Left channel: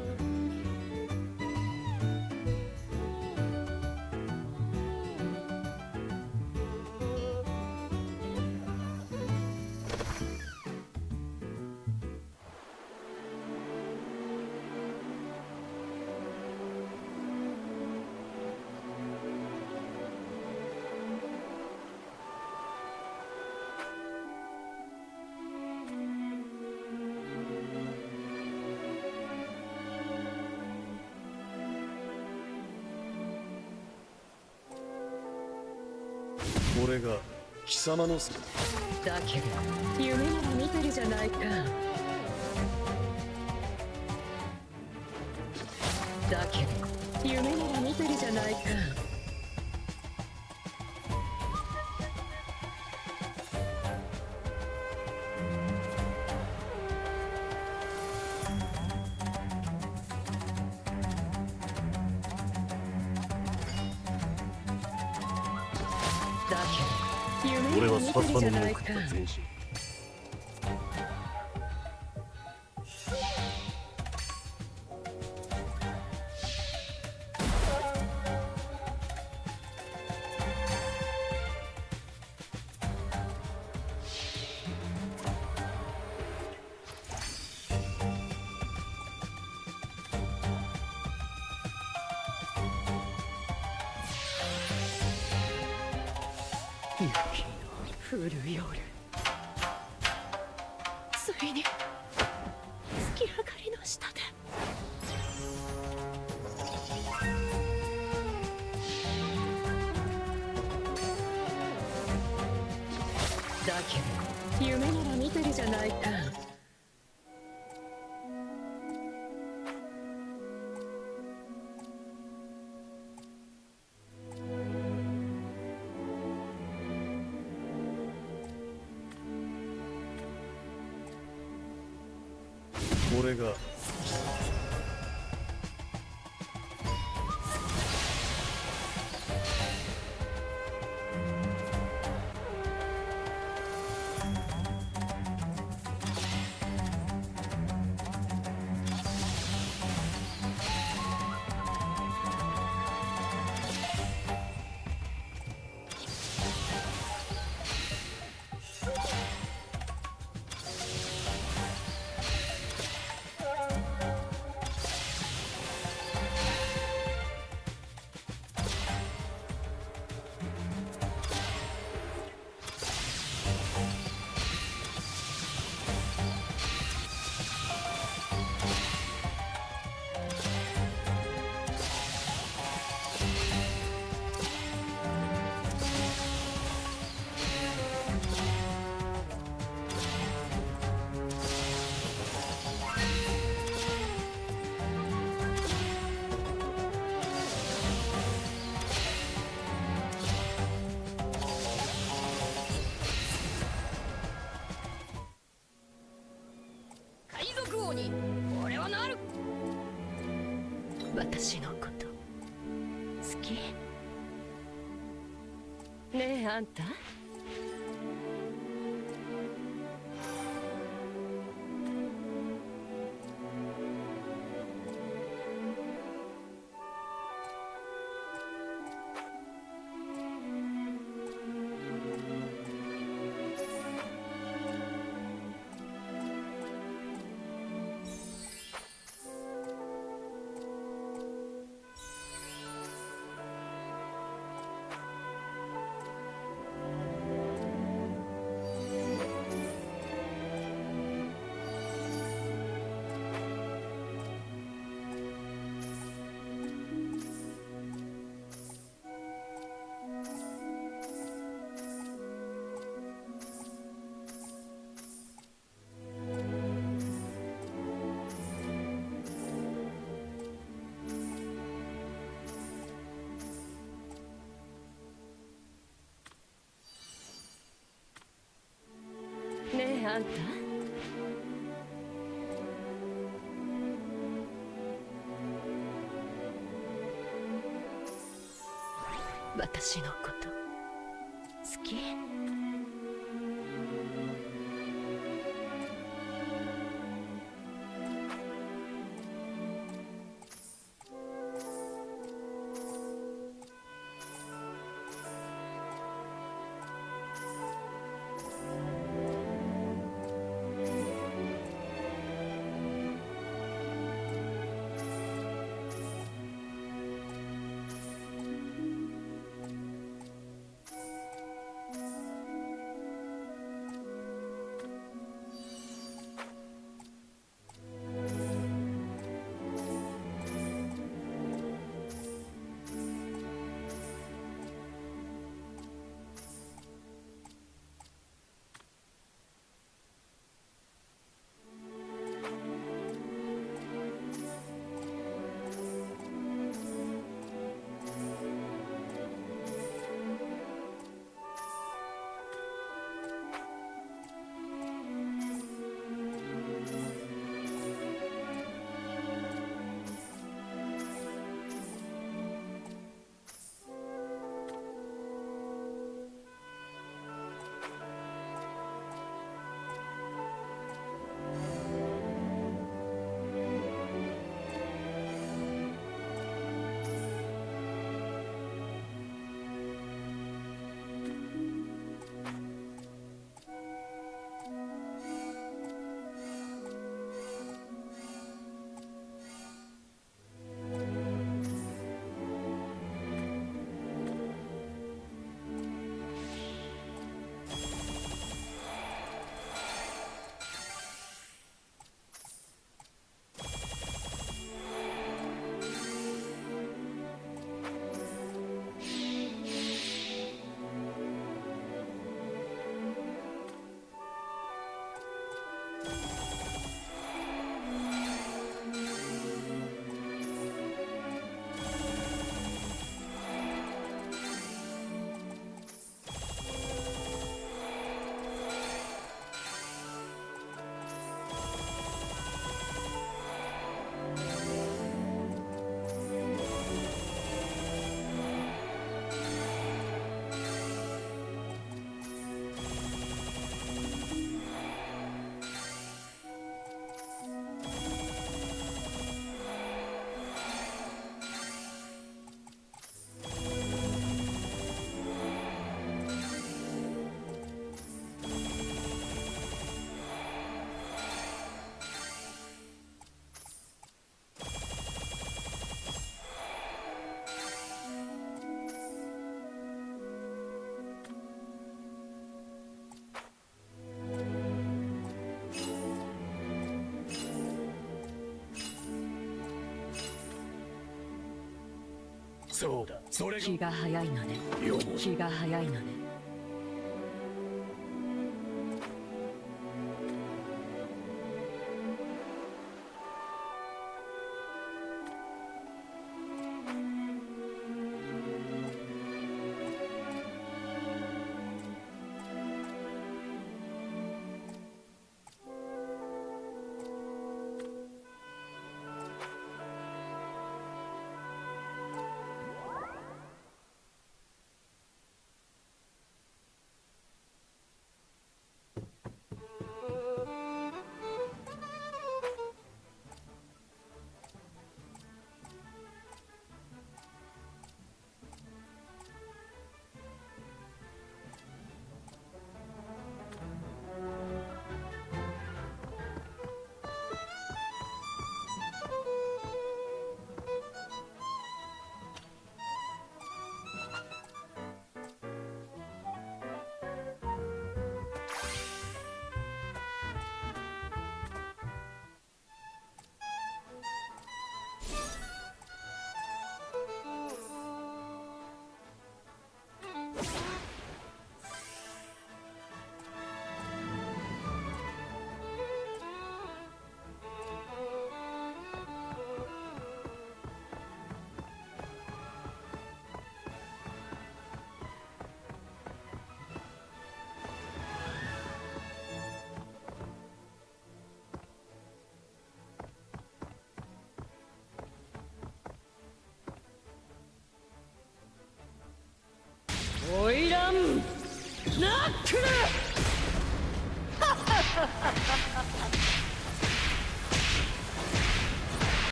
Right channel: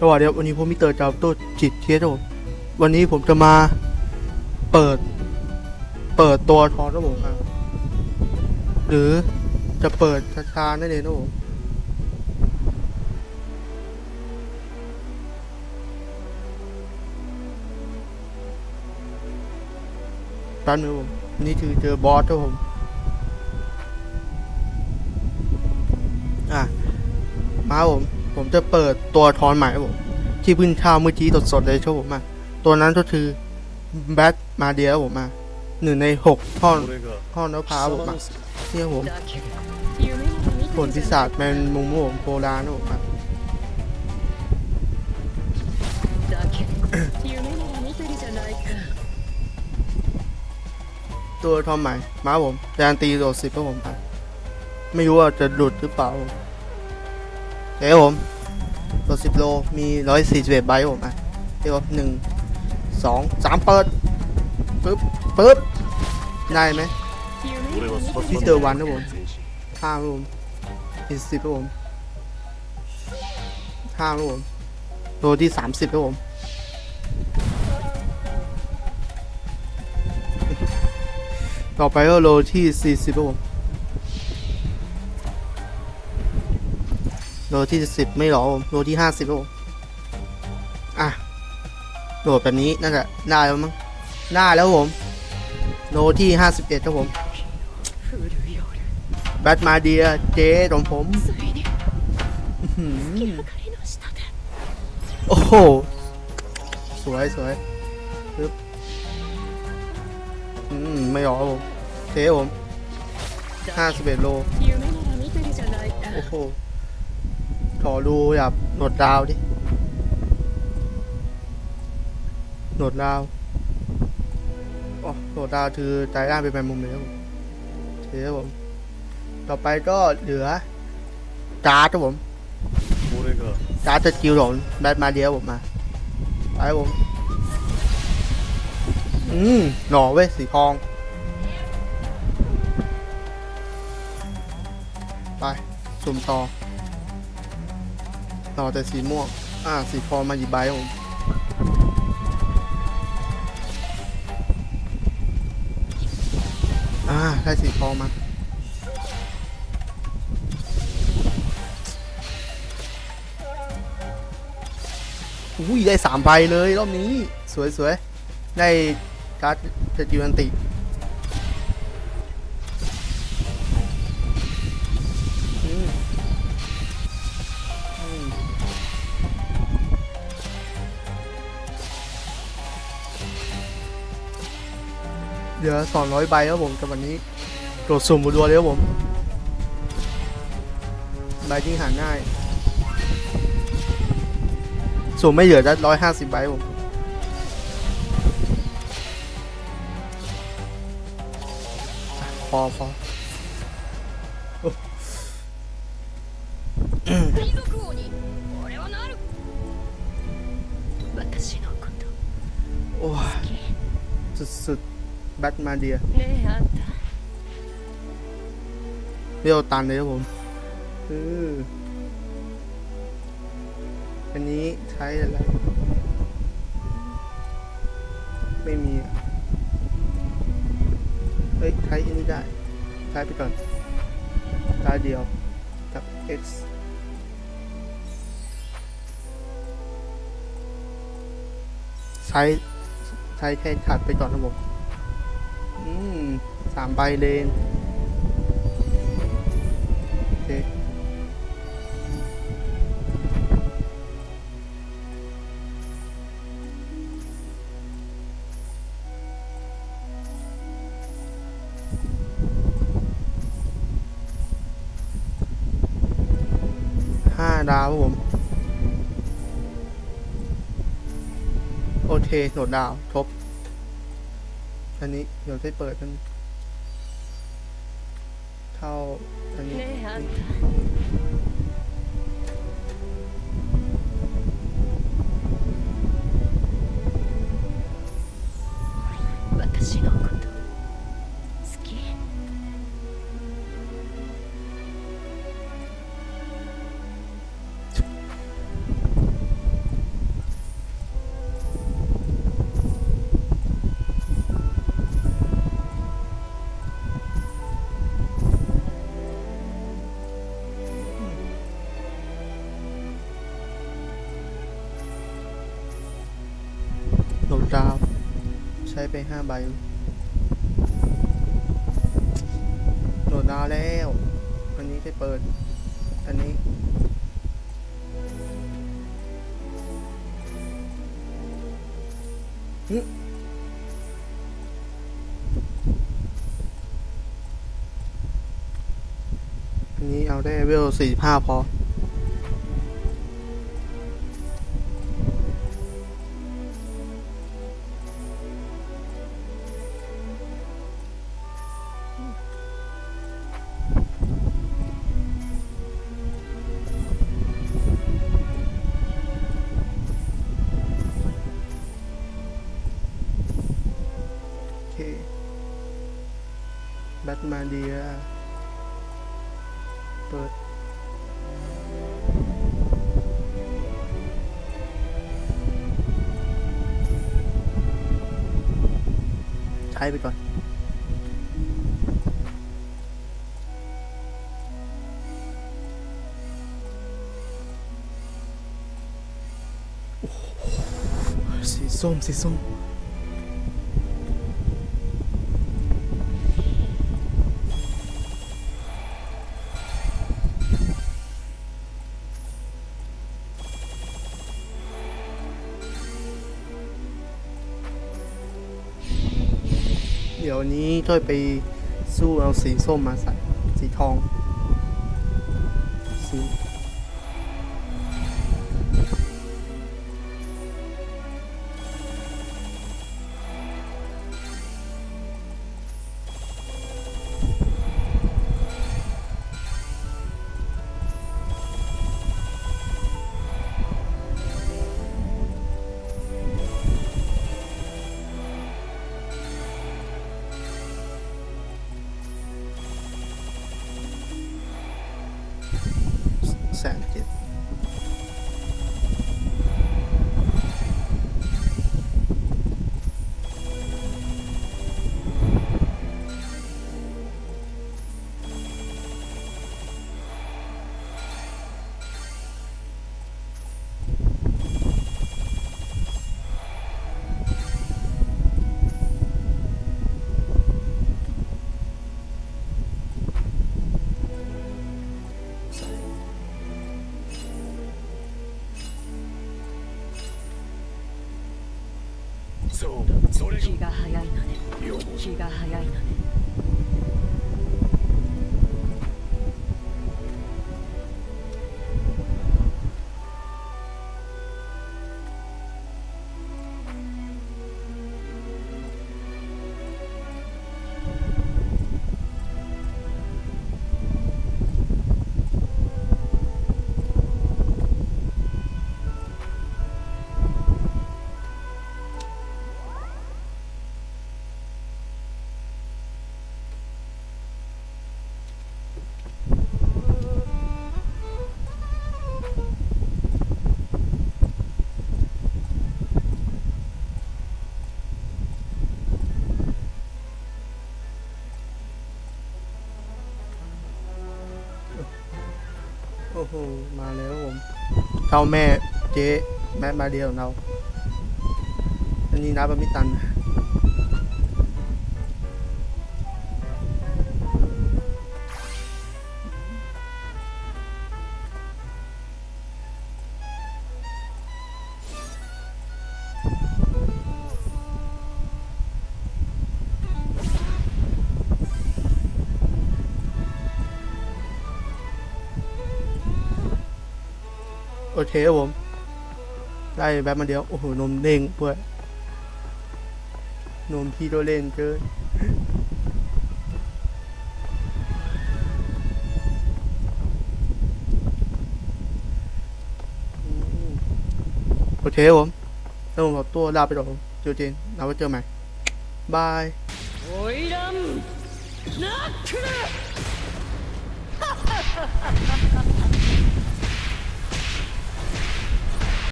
สวัสดีครับวันนี้ผมมิเตอร์จาวโต้จิตเทียสครับผมวันนี้ผมจะมาเปิด เปิดตัวทอนครับผมอะหรือจะเปิดช้าๆนั่นเองครับผมแป๊บนึงครับผมนี่คือเจอบอสครับผมอะมาผม ผมจะเปิดตัวทอนใหม่ผมที่พื้นข้าวเมื่อกี้สดๆเลยครับผมมาตัวนั้นก็คือแบทมาเดียผมมาหนึ่งในหกท่อนท่อนนพร้าผมมาเชื่อผมผลพิศาจแมนมุมผมโพลาโนะครัตัวทอมใหม่มาผมแรงตีโดดสิบก็ผมไป ไม่รู้ว่าจะหลุดหรือเปล่า เดี๋ยวผมรถสิบโล มีร้อยบตไบผมนะเดี๋ยวหนึ่งสองสามเปิดปึ๊บปึ๊บได้ไหมพี่เจอวันนะผมห้าครับผมอีกสิบครับผมห้าครับผมโลที่สามสิบครับผมต่อไปก็โลที่สี่สิบครับผม โลที่สิบไม่หรอโลที่ห้าสิบโลอะโหลดแบบนี้น่าจะได้แล้วมั้งได้แล้วผมโลที่ห้าสิบเอ็ดครับผมแบทมาเดียเจ๊ของผมโอ้โห สวยสวยปึ๊บไม่ยอมผมเจ๊ผมห้าสิบเอ็ดโล โอ้โห ขอดูแบบหนวดดาวดิ หนวดดาวอ๋อหนวดดาวคือใจร่างเป็นแมงมุมเลยครับผมโอเคครับผม ต่อไปก็เหลือการ์ดครับผมการ์ดจะกิลของแบทมาเดียวผมมาไปผม อืมหน่อเว้ยสีทอง ไปสุ่มต่อ ต่อแต่สีม่วง อ่า สีทองมาหยิบใบผมอ่า ได้สีทองมา อุ้ย ได้สามใบเลยรอบนี้ สวยสวยได้การ์ดสกิลอันติ ลือ200ใบครับผมสำหรันนี้ตรวจสุ่มรัวเลยครับผมใบที่หาง่ายสุ่มไม่เหลือได้ร้อยห้าสิบใบผมพอพอโอ้ยสุดๆ แบทมาเดียนี่ฮะเรียวตันเลยครับผมอืออันนี้ใช้อะไรไม่มีเฮ้ยใช้อันนี้ได้ใช้ไปก่อนตาเดียวกับ x ใช้ใช้แค่ถัดไปก่อนครับผม สามใบเลนโอเคห้าดาวครับผม โอเคโหลดดาว ทบอันนี้ เดี๋ยวได้เปิดมัน เท่าอันนี้私の ช้ไปห้าใบโหลดดาวแล้ว อันนี้ได้เปิด อันนี้ อันนี้เอาได้เวลสี่ห้าพอ แบทมาเดีย เปิดใช้ไปก่อนสีส้มสีส้ม ค่อยไปสู้เอาสีส้มมาใส่สีทองสี 気が早いのね。気が早いのね。 อ้มาแล้วผมเท่าแม่เจ๊แม่มาเดียวเรา อันนี้นับว่าไม่ตันนะ โอเคครับผม ได้แบบมาเดียว โอ้โห นมเด้งเว้ยนมพี่โดวเล่นเกินโอเคครับผมแล้วผมขอตัวลาไปก่อนผมเจอเจนเราไว้เจอใหม่ บายโอ้ยดำนักขึ้น